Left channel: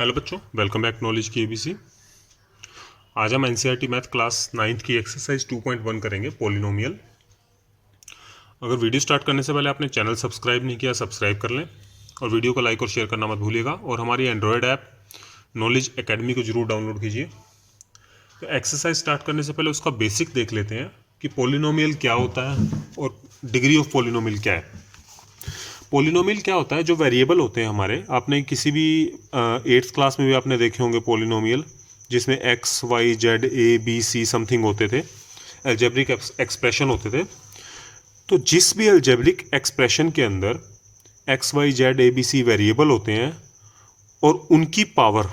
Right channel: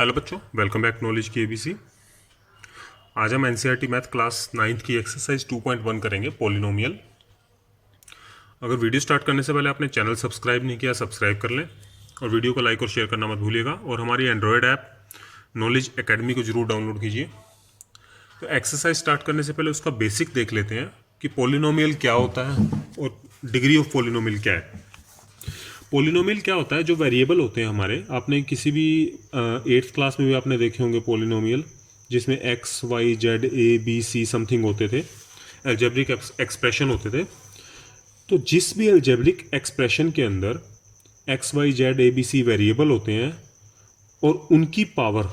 Hello बच्चों, welcome back knowledge की ABC. आज हम एनसीईआरटी मैथ क्लास 9th की एक्सरसाइज 2.1 करेंगे, पॉलिनोमियल। अगर वीडियो स्टार्ट करने से पहले आपने चैनल सब्सक्राइब नहीं किया, सब्सक्राइब कर लें और वीडियो को लाइक और शेयर करना मत भूलिएगा। और हमारी एंड्रॉयड ऐप नॉलेज एकेडमी को जरूर डाउनलोड कीजिए। तो एक्सरसाइज स्टार्ट करने से पहले उसका बेसिक देख लेते हैं कि पॉलिनोमियल क्या होता है और डिग्री ऑफ पॉलिनोमियल क्या है। पॉलिनोमियल क्या होता है? जो वेरिएबल होते हैं हमारे, आपने किसी भी 8th क्लास में भी आपने देखे होंगे पॉलिनोमियल, जिसमें x y z a b c something होते थे, अलजेब्रिक एक्सप्रेशन होते थे। तो जिस भी अलजेब्रिक एक्सप्रेशन के अंदर x y z a b c variable होते हैं और उनकी पावर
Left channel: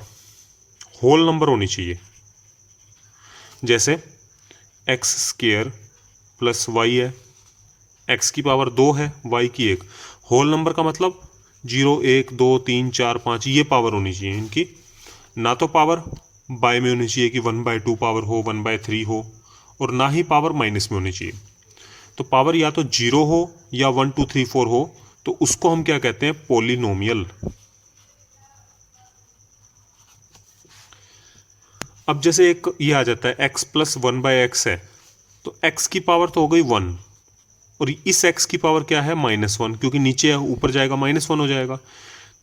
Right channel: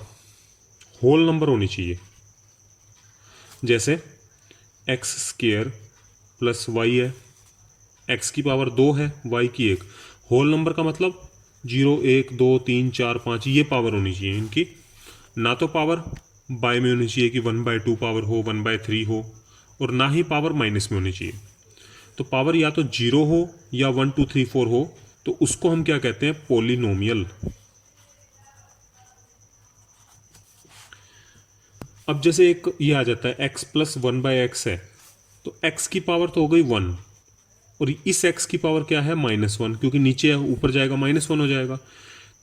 होल नंबर होनी चाहिए। जैसे एक्स स्क्वेयर प्लस वाई है, एक्स की पावर 2 है, वाई की 1। होल नंबर का मतलब 0 1 2 3 4 5 ये पावर होनी चाहिए इनकी। ना तो पावर बाय में होनी चाहिए कि 1/2 पावर हो, 1/3 हो, और ना ही पावर माइनस में होनी चाहिए। तो पावर या तो 0 हो या 1 2 3 4 हो, तो उसको हम क्या कहते हैं? पॉलिनोमियल। अब जैसे एक ये आ जाता है x प्लस 1/x है, तो x की पावर तो हो गई 1 और इस x की पावर क्या है? -1, क्योंकि नीचे ऊपर जाएगा -1 हो जाएगा।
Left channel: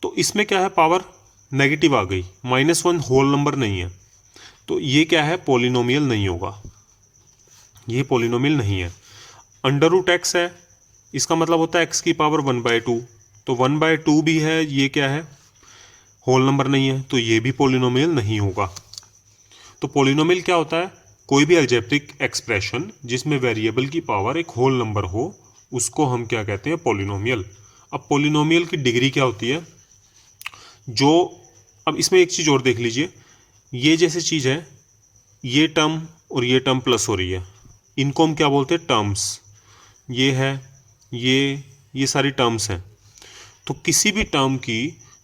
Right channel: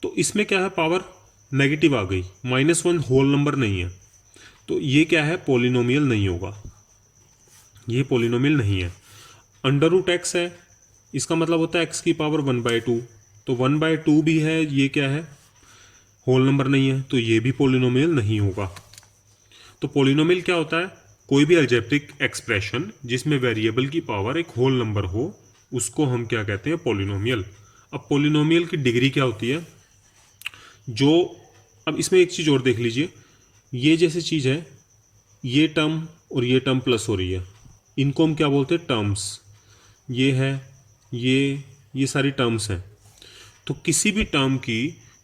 तो इसमें क्या है? पावर नेगेटिव आ गई, -1 होल नंबर नहीं है, तो ये क्या है? पॉलिनोमियल नहीं होगा, ये पॉलिनोमियल नहीं है। अंडर रूट एक्स है, इसका मतलब होता है x की पावर 1/2, तो 1/2 भी है, ये क्या है? होल नंबर नहीं है, तो ये भी पॉलिनोमियल नहीं होगा। तो पॉलिनोमियल क्या होता है? कोई भी अलजेब्रिक एक्सप्रेशन जिसमें वेरिएबल की पावर एक होल नंबर हो, उसको हम क्या कहते हैं? पॉलिनोमियल। अब पॉलिनोमियल की डिग्री क्या होती है? जो अब इसमें एक चीज़ और देख लीजिए, ये जैसी चीज़ है, ये टर्म और ये टर्म प्लस हो रही है, इनको हम क्या बोलते हैं? टर्म्स। ये है, ये सारी टर्म्स हैं। तो किसी भी टर्म की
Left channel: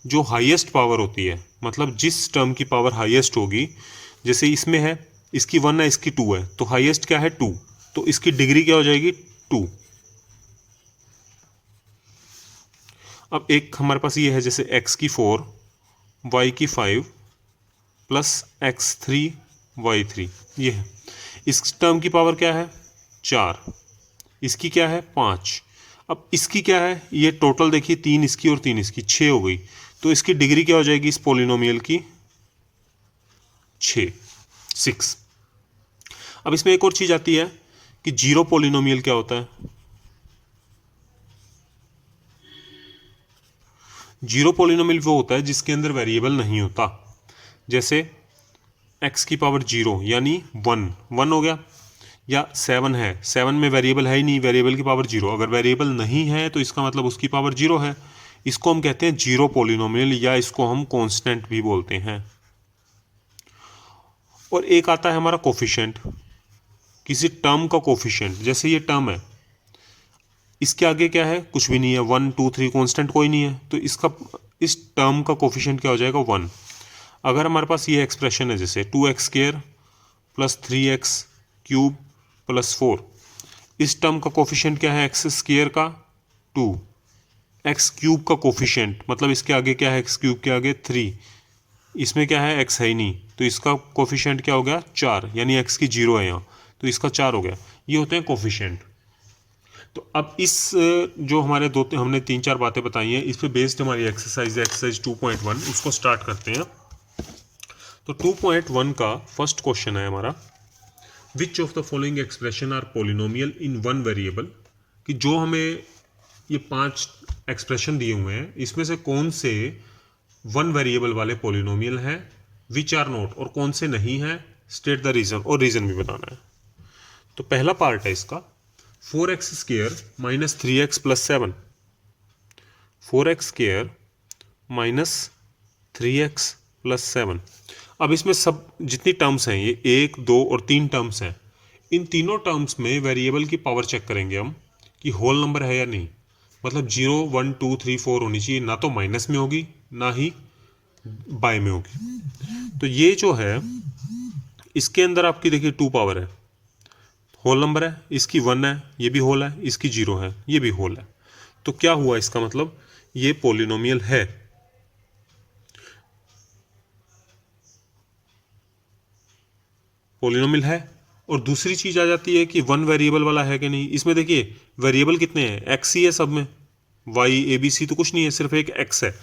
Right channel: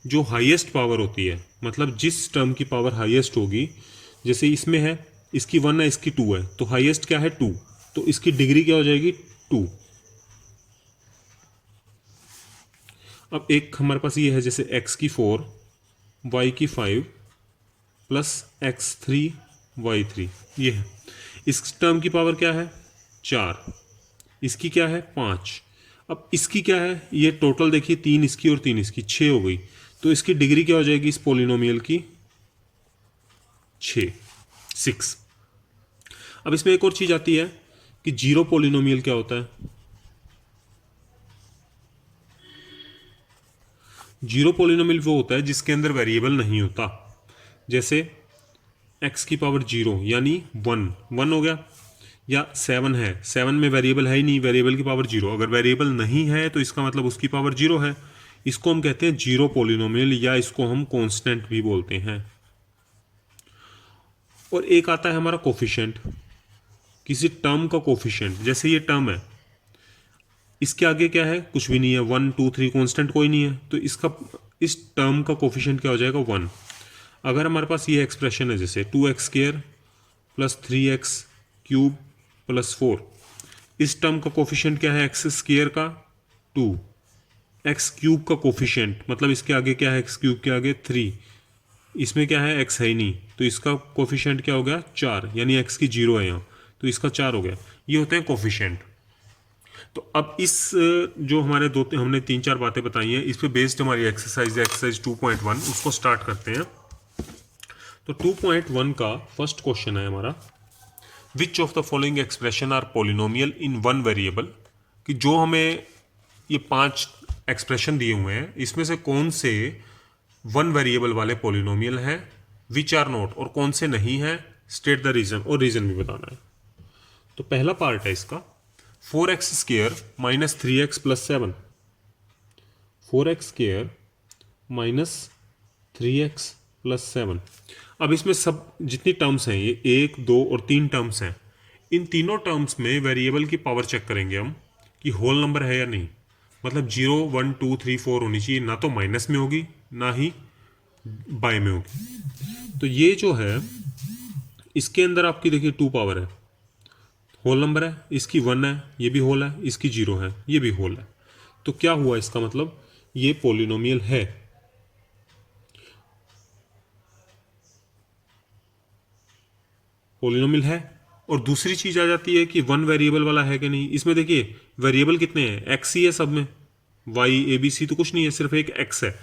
जो हाईएस्ट पावर होती है, मतलब जिस टर्म की पावर हाईएस्ट होगी, जैसे इसमें है, इसकी 1 है, इसकी 2 है, तो हाईएस्ट क्या है? 2, तो इसकी डिग्री क्या हो जाएगी? 2। अब एक हमारे पास ये है, जैसे x की 4 y की 5 प्लस x3 y3, ये है। इस टर्म की पावर क्या है? 4, इसकी क्या है? 5। अब इसकी क्या है? ये टोटल देखिए, 3 इसकी और 3 इसकी, 6 हो गई। तो इसकी डिग्री क्या हो जाएगी इस पॉलिनोमियल की? 6। अब इसमें एक और चीज आती है कि जीरो पॉलिनोमियल क्या होता है? जीरो पॉलिनोमियल वो होता है जिसके अंदर वेरिएबल नहीं होता। जैसे x की पावर 0 यानी 1 हो गया, या 7 है, 7 में वेरिएबल है ही नहीं, वेरिएबल की पावर 0। अगर वेरिएबल नहीं है तो इसका मतलब उसकी पावर 0 है। इसको हम कहते हैं जीरो पॉलिनोमियल, या इसको हम कांस्टेंट भी बोलते हैं। और एक आता है हमारा कोफिशिएंट, किसी टर्म का कोफिशिएंट। जैसे ये टर्म है, इसके आगे क्या है? कुछ भी नहीं है, 1 2 3 कांस्टेंट कोई नहीं है, तो इस टर्म का कोफिशिएंट क्या हो जाएगा? 1। अगर हमारे पास ये एक्सप्रेशन है, जैसे 2x² प्लस 3x³ प्लस 4, इस टर्म का कोफिशिएंट क्या है? x² का 2, x³ का कोफिशिएंट मतलब इसके आगे क्या है? x³ के आगे 3, इसमें क्या है? x है ही नहीं, तो इसका कोफिशिएंट क्या हो गया? 4, यानी x की 0 है यहाँ, तो इसका 4 हो गया। ये होते हैं कोफिशिएंट। तो अब इस जो हमारे हमने 3-4 बातें बताई हैं, इस पे बेस्ड हमारी एक्सरसाइज 2.1, उसको स्टार्ट करते हैं। तो 2.1 का फर्स्ट क्वेश्चन है हमारा, which of the following expression are polynomial in one variable. कि जो हमें ये 5 एक्सप्रेशन दिए हुए हैं, इसमें से कौन से वन वेरिएबल वाले पॉलिनोमियल हैं, विच आर नॉट, और कौन से नहीं हैं, स्टेट द रीजन, और रीजन भी बताना है। तो पहला पार्ट है इसका, 4x² minus 3x plus 7, 4x² minus 3x plus 7। अब इसमें सब जितनी टर्म्स हैं, ये 1 2 और 3 टर्म्स हैं, इन तीनों टर्म्स में वेरिएबल की पावर चेक करेंगे हम कि होल नंबर है या नहीं। मतलब 0 1 2 3 4 होनी चाहिए, ना तो माइनस में होगी ना ही बाय में होगी। तो ये जो है, इसके अंदर आपकी देखिए 2 पावर है, होल नंबर है, इसकी 1 है, ये भी होल है, इसकी 0 है, ये भी होल है। तो क्या हुआ? इसका मतलब ये पॉलिनोमियल है। पॉलिनोमियल है। और दूसरी चीज़ आ जाती है कि वन वेरिएबल वाला है कि नहीं। इसमें देखिए वेरिएबल कितने हैं, एक्स ही है सब में, वाई ए बी सी तो कुछ नहीं है, सिर्फ एक एक्स है।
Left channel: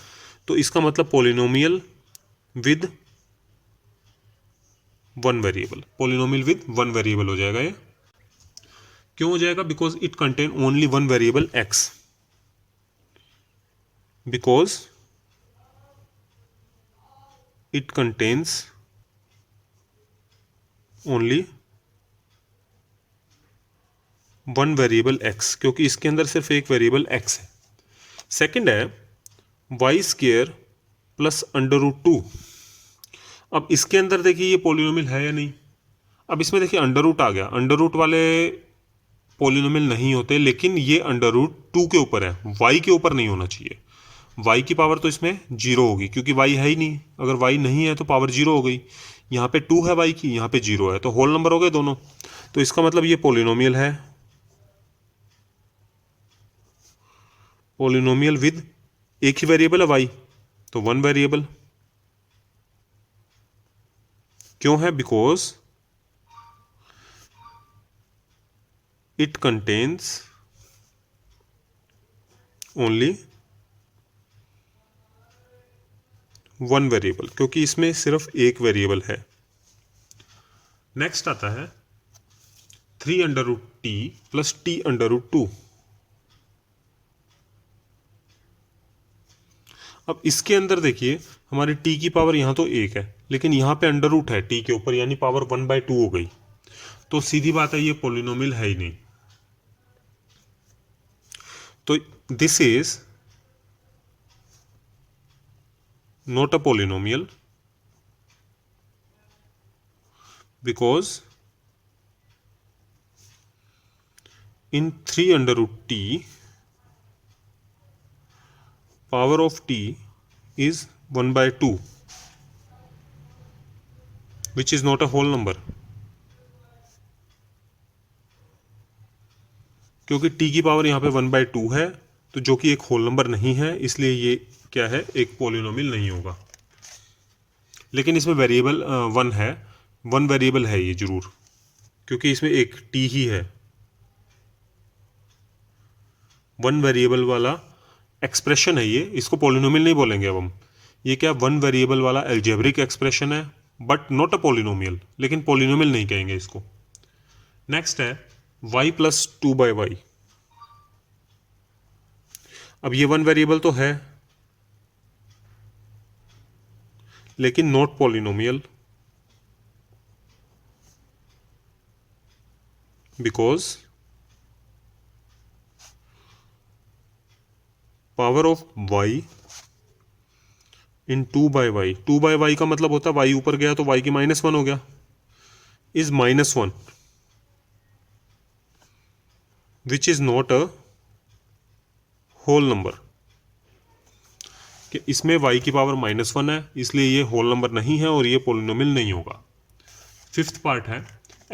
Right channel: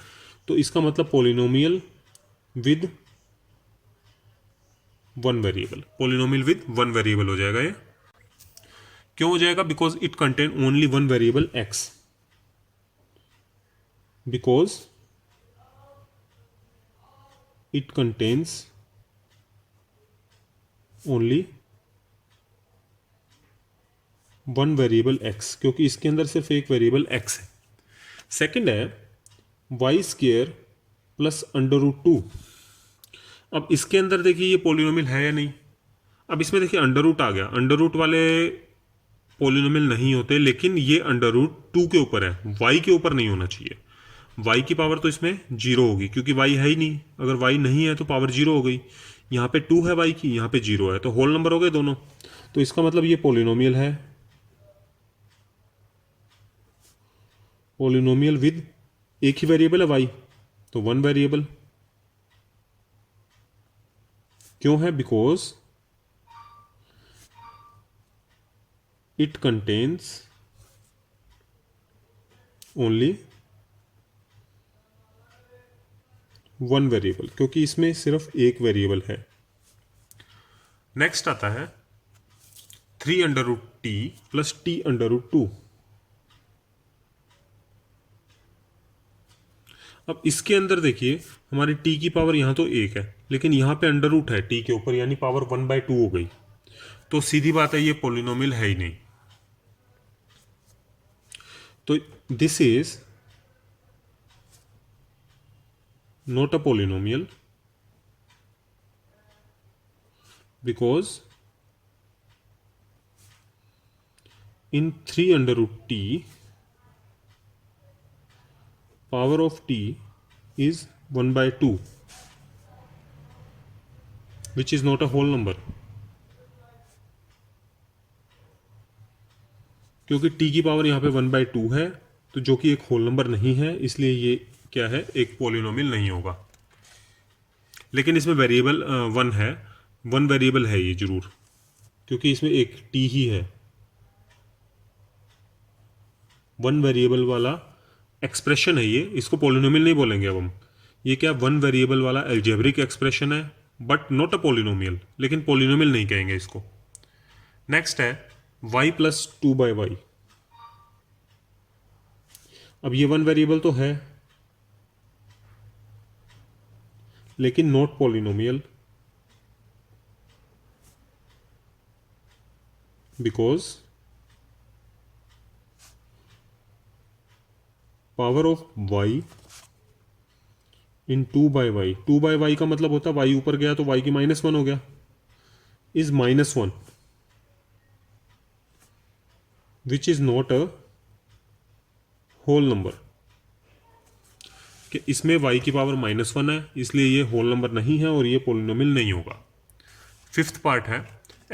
तो इसका मतलब polynomial with one variable, polynomial with one variable हो जाएगा ये। क्यों हो जाएगा? Because it contain only one variable x, because it contains only one variable x, क्योंकि इसके अंदर सिर्फ एक वेरिएबल एक्स है। सेकंड है y square plus under root two. अब इसके अंदर देखिए ये पॉलिनोमियल है या नहीं। अब इसमें देखिए अंडर रूट आ गया, अंडर रूट वाले पॉलिनोमियल नहीं होते, लेकिन ये अंडर रूट टू के ऊपर है, वाई के ऊपर नहीं होना चाहिए। वाई की पावर तो इसमें जीरो होगी क्योंकि वाई है ही नहीं, अगर वाई नहीं है तो पावर जीरो हो गई। यहाँ पे टू है वाई की, यहाँ पे जीरो है, तो होल नंबर हो गए दोनों। तो इसका मतलब ये पॉलिनोमियल है, पॉलिनोमियल विद एक ही वेरिएबल है वाई, तो वन वेरिएबल। क्यों है? Because it contains only one variable, क्योंकि इसमें सिर्फ एक वेरिएबल है। नेक्स्ट आता है three under root t plus t under root two. अब इसके अंदर देखिए हमारी t की पावर यहाँ तो एक है, लेकिन यहाँ पे अंडर रूट है t के ऊपर, यानी पावर 1/2 हो गई। तो सीधी बात है ये पॉलिनोमियल है ही नहीं। तो this is not a polynomial because in three under root t power of t is 1/2, which is not a whole number, क्योंकि t की पावर यहाँ पे 1/2 है, तो जो कि एक होल नंबर नहीं है, इसलिए ये क्या है, एक पॉलिनोमियल नहीं होगा। लेकिन इसमें वेरिएबल वन है, वन वेरिएबल है ये जरूर, क्योंकि इसमें एक t ही है। वन वेरिएबल वाला एक्सप्रेशन है ये, इसको पॉलिनोमियल नहीं बोलेंगे अब हम। ये क्या, वन वेरिएबल वाला एल्जेब्रिक एक्सप्रेशन है, बट नॉट अ पॉलिनोमियल, लेकिन पॉलिनोमियल नहीं कहेंगे इसको। नेक्स्ट है y प्लस 2/y। अब ये वन वेरिएबल तो है लेकिन not polynomial, because power of y in 2/y, 2/y का मतलब होता है y ऊपर गया तो y की -1 हो गया, is -1, which is not a whole number. कि इसमें y की पावर -1 है, इसलिए ये होल नंबर नहीं है और ये पॉलिनोमियल नहीं होगा। फिफ्थ पार्ट है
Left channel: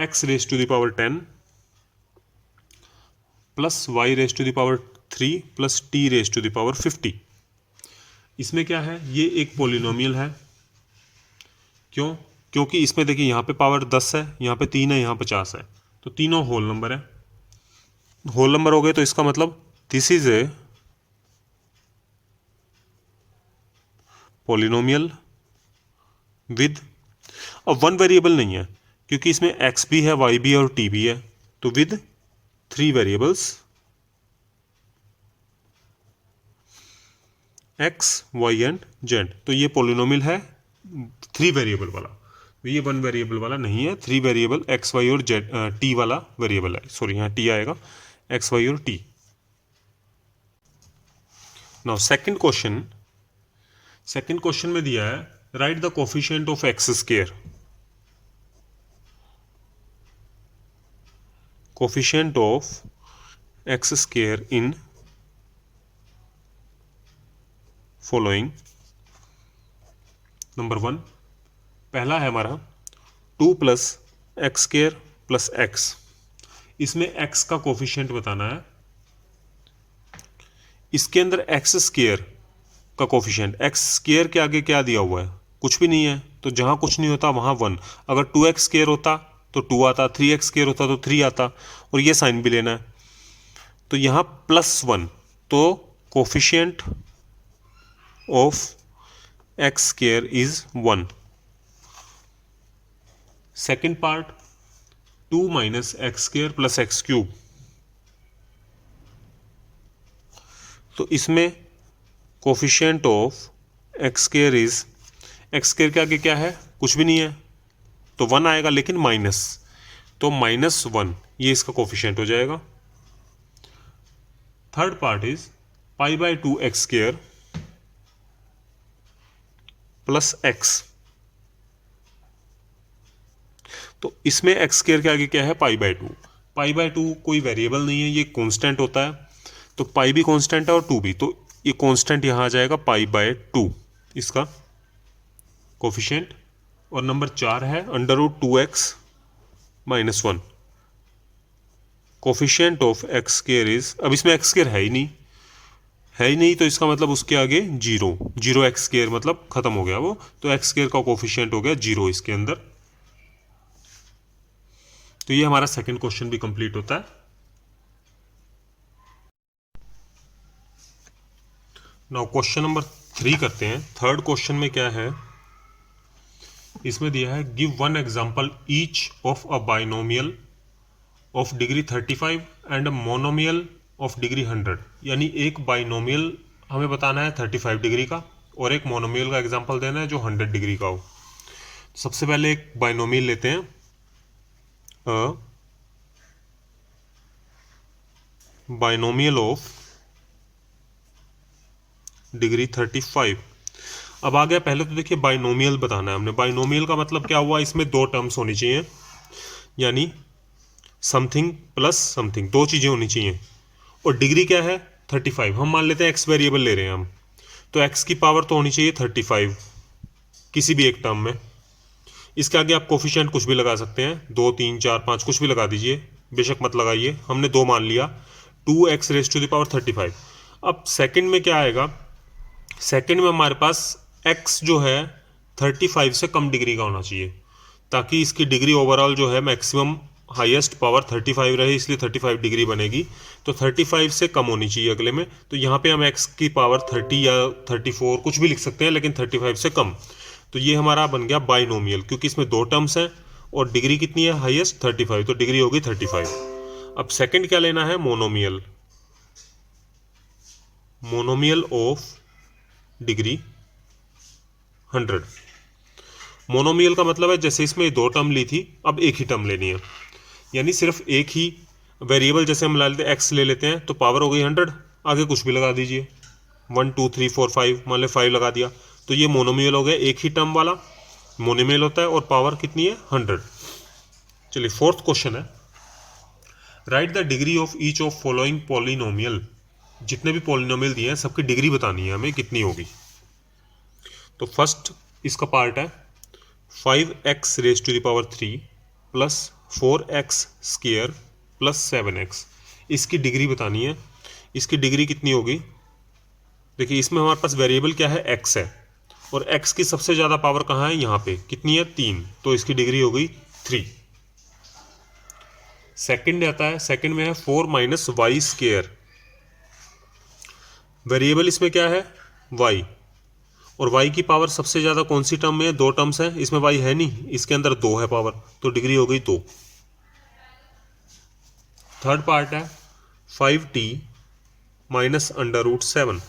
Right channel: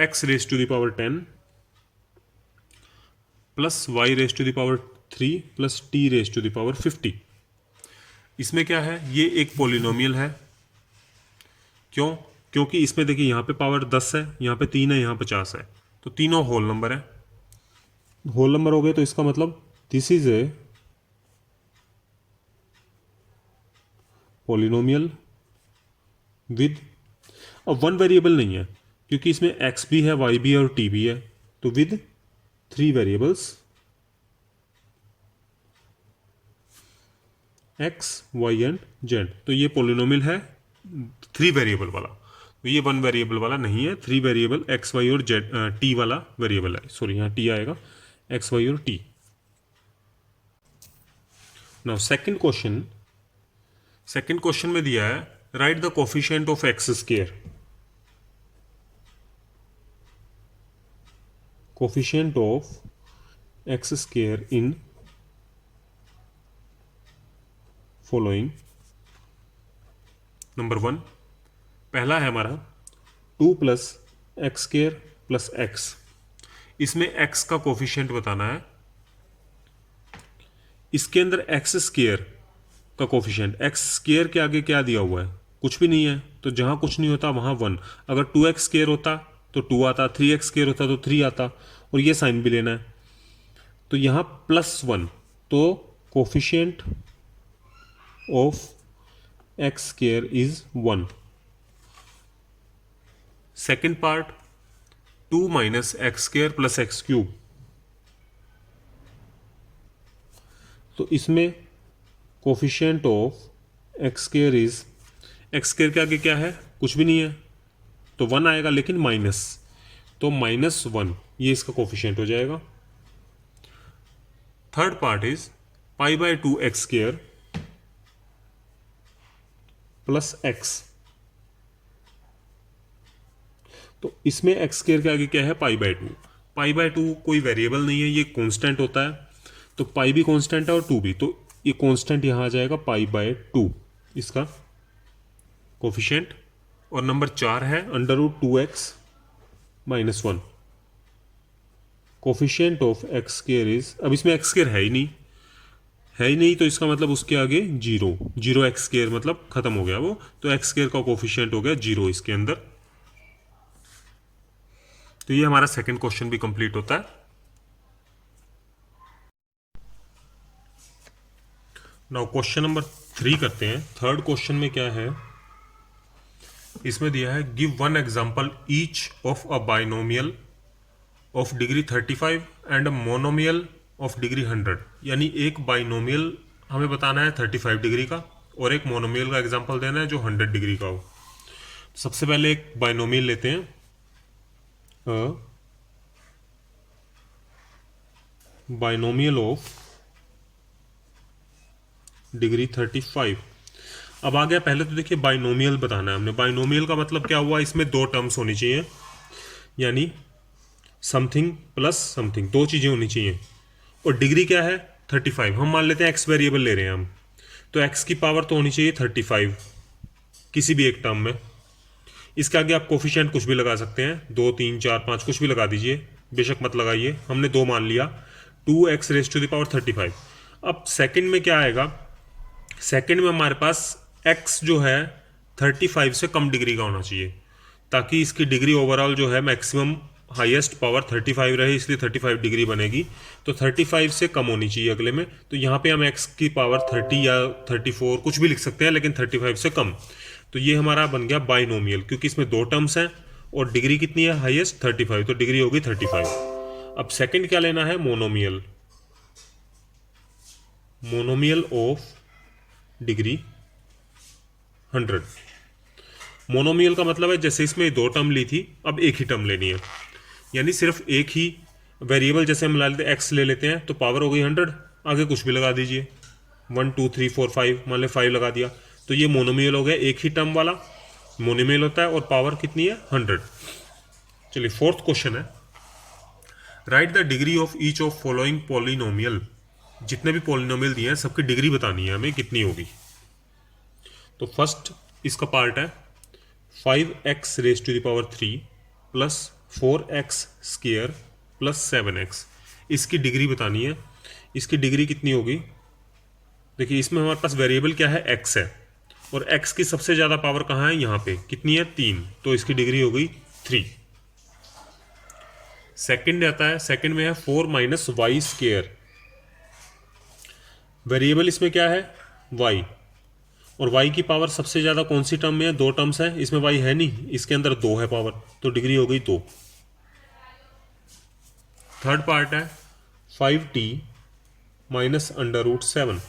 x raise to the power 10 plus y raise to the power 3 plus t raise to the power 50। इसमें क्या है, ये एक पॉलिनोमियल है। क्यों? क्योंकि इसमें देखिए यहाँ पे पावर 10 है, यहाँ पे 3 है, यहाँ 50 है, तो तीनों होल नंबर है। होल नंबर हो गए तो इसका मतलब this is a polynomial with, अब वन वेरिएबल नहीं है क्योंकि इसमें x भी है, y भी है और t भी है, तो with 3 variables x, y and z। तो ये पॉलिनोमियल है 3 वेरिएबल वाला, तो ये वन वेरिएबल वाला नहीं है, 3 वेरिएबल x, y और z t वाला वेरिएबल है। सॉरी, यहाँ t आएगा, x, y और t। नाउ सेकंड क्वेश्चन में दिया है right the coefficient of x square. Coefficient of x square in following. Number 1 पहला है हमारा 2 plus x square plus x. इसमें x का कोफिशिएंट बताना है। इसके अंदर एक्स स्क्वायर का कोफिशिएंट, एक्स स्क्वायर के आगे क्या दिया हुआ है, कुछ भी नहीं है, तो जहां कुछ नहीं होता वहां 1। अगर 2x स्क्वायर होता तो 2 आता, 3x स्क्वायर होता तो 3 आता, और ये साइन भी लेना है। तो यहाँ +1, तो coefficient of x square is 1। Second part 2 minus x square plus x cube, तो इसमें coefficient of x square is, x square के आगे क्या है, कुछ भी नहीं है, तो 1 आएगा, लेकिन माइनस, तो -1 ये इसका कोफिशिएंट हो जाएगा। Third part is π/2 x square plus x, तो इसमें एक्स स्क्वायर के आगे क्या है, π/2। π/2 कोई वेरिएबल नहीं है, ये कांस्टेंट होता है, तो पाई भी कांस्टेंट है और 2 भी, तो ये कांस्टेंट यहाँ आ जाएगा π/2 इसका कोफिशिएंट। और नंबर 4 है √2x - 1, coefficient of x square is, अब इसमें एक्स स्क्वायर है ही नहीं, तो इसका मतलब उसके आगे 0 एक्स स्क्वायर मतलब खत्म हो गया वो, तो एक्स स्क्वायर का कोफिशिएंट हो गया 0 इसके अंदर। तो ये हमारा सेकंड क्वेश्चन भी कंप्लीट होता है। नाउ क्वेश्चन नंबर 3 करते हैं। थर्ड क्वेश्चन में क्या है, इसमें दिया है give one example each of a binomial of degree 35 and a monomial of degree 100, यानी एक बाइनोमियल हमें बताना है 35 डिग्री का और एक मोनोमियल का एग्जांपल देना है जो 100 डिग्री का हो। सबसे पहले एक बाइनोमियल लेते हैं, बाइनोमियल ऑफ डिग्री 35। अब आ गया, पहले तो देखिए बाइनोमियल बताना है हमने। बाइनोमियल का मतलब क्या हुआ, इसमें 2 टर्म्स होनी चाहिए, यानी समथिंग प्लस समथिंग, 2 चीज़ें होनी चाहिए। और डिग्री क्या है, 35। हम मान लेते हैं एक्स वेरिएबल ले रहे हैं हम, तो एक्स की पावर तो होनी चाहिए 35 किसी भी एक टर्म में। इसके आगे आप कोफिशिएंट कुछ भी लगा सकते हैं, 2 3 4 5 कुछ भी लगा दीजिए, बेशक मत लगाइए, हमने 2 मान लिया। 2x⁻35। अब सेकंड में क्या आएगा, सेकंड में हमारे पास x जो है 35 से कम डिग्री का होना चाहिए, ताकि इसकी डिग्री ओवरऑल जो है मैक्सिमम हाईएस्ट पावर 35 रहे, इसलिए 35 डिग्री बनेगी। तो 35 से कम होनी चाहिए अगले में, तो यहाँ पे हम x की पावर 30 या 34 कुछ भी लिख सकते हैं, लेकिन 35 से कम। तो ये हमारा बन गया बाइनोमियल, क्योंकि इसमें 2 टर्म्स हैं और डिग्री कितनी है, हाईएस्ट 35, तो डिग्री होगी 35। अब सेकंड क्या लेना है, monomial, monomial of degree 100। Monomial का मतलब है जैसे इसमें 2 टर्म ली थी, अब एक ही टर्म लेनी है, यानी सिर्फ एक ही वेरिएबल, जैसे हम ला लेते हैं x ले लेते हैं, तो पावर हो गई 100, आगे कुछ भी लगा दीजिए, 1 2 3 4 5, मान ले 5 लगा दिया, तो ये मोनोमियल हो गया, एक ही टर्म वाला मोनोमियल होता है, और पावर कितनी है, 100। चलिए फोर्थ क्वेश्चन है, right the degree of each of following polynomial. जितने भी पॉलिनोमियल दिए हैं सबकी डिग्री बतानी है हमें कितनी होगी। तो फर्स्ट इसका पार्ट है 5x⁻³ plus 4x² plus 7x, इसकी डिग्री बतानी है। इसकी डिग्री कितनी होगी, देखिए इसमें हमारे पास वेरिएबल क्या है, x है, और x की सबसे ज़्यादा पावर कहाँ है, यहाँ पे कितनी है, 3, तो इसकी डिग्री हो गई 3। सेकंड आता है, सेकंड में है 4 माइनस y², वेरिएबल इसमें क्या है, y, और y की पावर सबसे ज़्यादा कौन सी टर्म में है, 2 टर्म्स है, इसमें y है नहीं, इसके अंदर 2 है पावर, तो डिग्री हो गई 2। थर्ड पार्ट है 5t माइनस √7,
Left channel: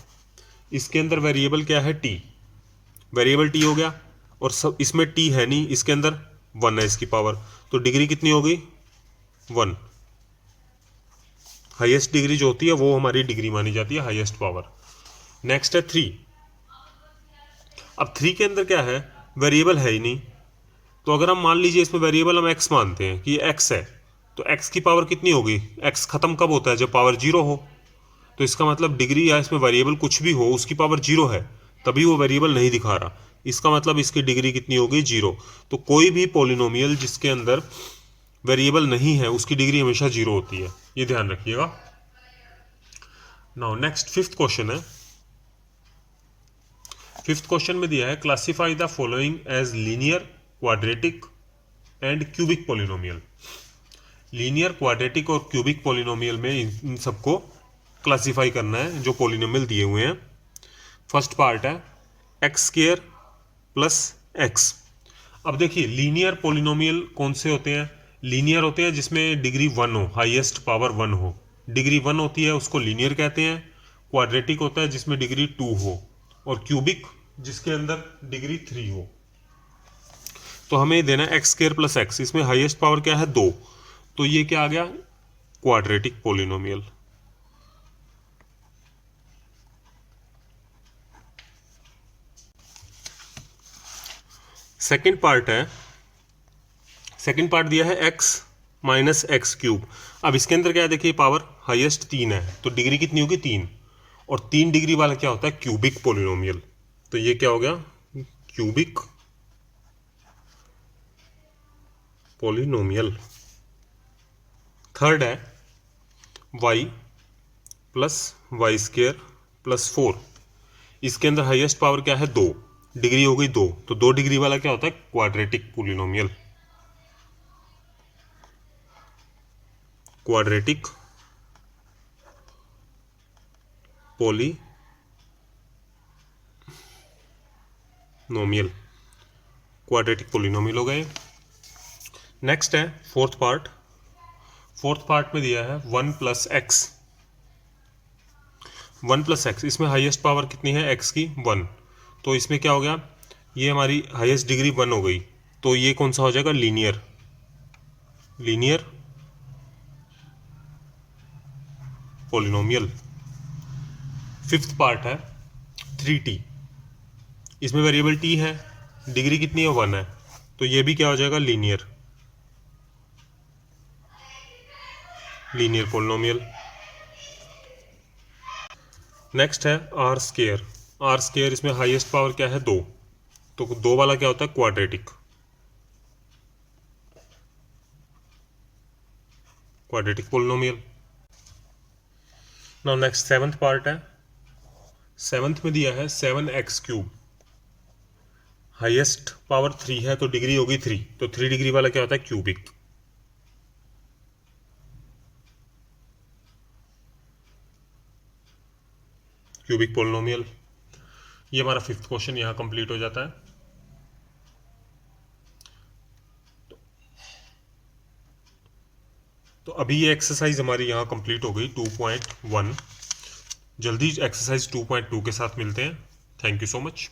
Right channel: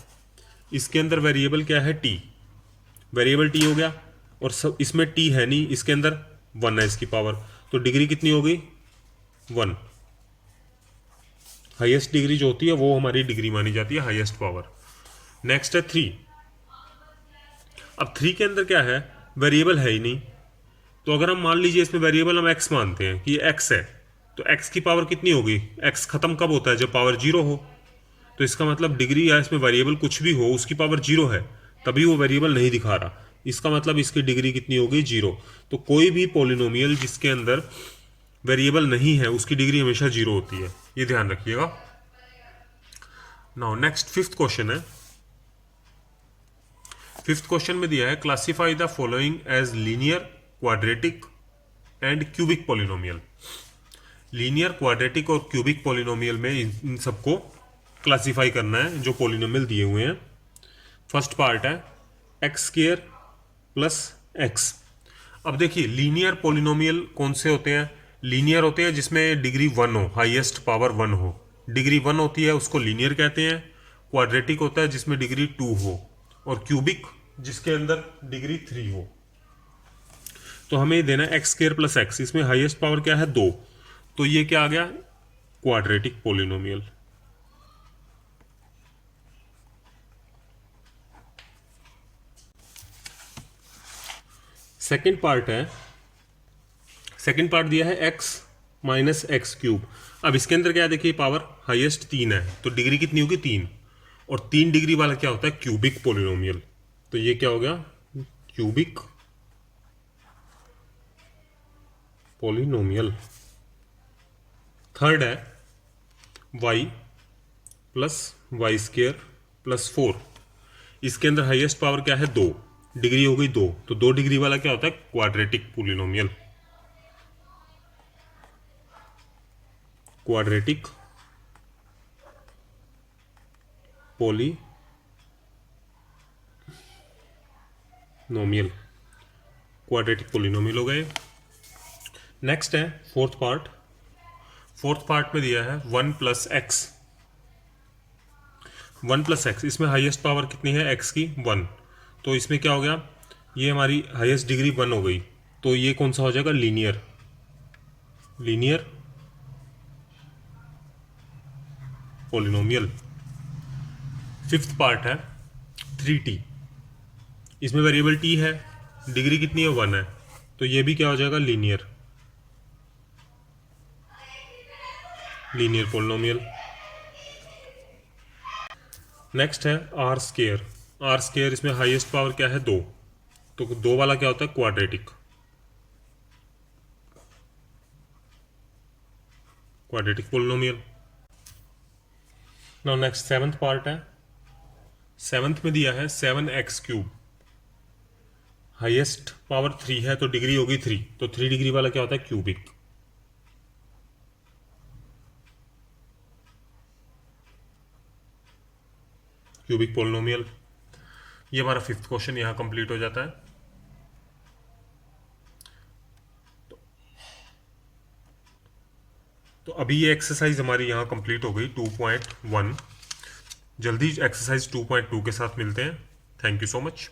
इसके अंदर वेरिएबल क्या है, t, वेरिएबल t हो गया, और सब इसमें t है नहीं, इसके अंदर 1 है इसकी पावर, तो डिग्री कितनी हो गई, 1। हाईएस्ट डिग्री जो होती है वो हमारी डिग्री मानी जाती है, हाईएस्ट पावर। नेक्स्ट है 3। अब 3 के अंदर क्या है, वेरिएबल है ही नहीं, तो अगर हम मान लीजिए इसमें वेरिएबल हम x मानते हैं कि ये x है, तो x की पावर कितनी होगी, x खत्म कब होता है, जब पावर 0 हो, तो इसका मतलब डिग्री या इसमें वेरिएबल कुछ भी हो उसकी पावर 0 है, तभी वो वेरिएबल नहीं दिखा रहा, इसका मतलब इसकी डिग्री कितनी होगी, 0। तो कोई भी पॉलिनोमियल जिसके अंदर वेरिएबल नहीं है उसकी डिग्री हमेशा 0 होती है, ये ध्यान रखिएगा। नाउ नेक्स्ट फिफ्थ क्वेश्चन है। फिफ्थ क्वेश्चन में दिया है classify the following as linear, quadratic and cubic polynomial. Linear, quadratic और क्यूबिक पॉलिनोमियल में इन सबको क्लासीफाई करना है जो पॉलिनोमियल दिए हुए हैं। फर्स्ट पार्ट है एक्स स्क्वायर प्लस एक्स। अब देखिए लीनियर पॉलिनोमियल कौन से होते हैं? लीनियर होते हैं जिसमें डिग्री 1 हो, हाईएस्ट पावर 1 हो, डिग्री 1 होती है उसको लीनियर कहते हैं। क्वाड्रेटिक होता है जिसमें डिग्री 2 हो, और क्यूबिक जिसके अंदर डिग्री 3 हो। तो हमें देना एक्स स्क्वायर प्लस एक्स, इसमें हाईएस्ट पावर क्या है? 2, तो ये क्या आ गया? Quadratic polynomial. सेकेंड पार्ट है, सेकेंड पार्ट दिया है एक्स माइनस एक्स क्यूब। अब इसके अंदर क्या है? देखिए पावर हाईएस्ट 3 है, तो डिग्री कितनी होगी? 3, और 3 डिग्री वाला क्या होता है? Cubic polynomial. तो ये क्या हो गया? Cubic polynomial. थर्ड है y plus y square plus 4। इसके अंदर हाईएस्ट पावर क्या है? 2, डिग्री हो गई 2, तो 2 डिग्री वाला क्या होता है? Quadratic polynomial. Quadratic polynomial, quadratic polynomial हो गए। नेक्स्ट है फोर्थ पार्ट। फोर्थ पार्ट में दिया है 1 प्लस एक्स। 1 प्लस एक्स, इसमें हाईएस्ट पावर कितनी है? एक्स की 1, तो इसमें क्या हो गया? ये हमारी हाईएस्ट डिग्री 1 हो गई, तो ये कौन सा हो जाएगा? Linear, linear polynomial. Fifth part है 3t। इसमें वेरिएबल t है, डिग्री कितनी है? 1 है, तो ये भी क्या हो जाएगा? Linear, linear polynomial. नेक्स्ट है आर स्क्वायर। आर स्क्वायर, इसमें हाईएस्ट पावर क्या है? 2, तो 2 वाला क्या होता है? Quadratic, quadratic polynomial. Now next seventh part है। सेवंथ में दिया है 7x क्यूब। हाईएस्ट पावर 3 है, तो डिग्री होगी 3, तो 3 डिग्री वाला क्या होता है? Cubic, cubic polynomial. ये हमारा फिफ्थ क्वेश्चन यहाँ कंप्लीट हो जाता है। तो अभी ये एक्सरसाइज हमारी यहाँ कंप्लीट हो गई 2.1। जल्दी एक्सरसाइज 2.2 के साथ मिलते हैं। Thank you so much.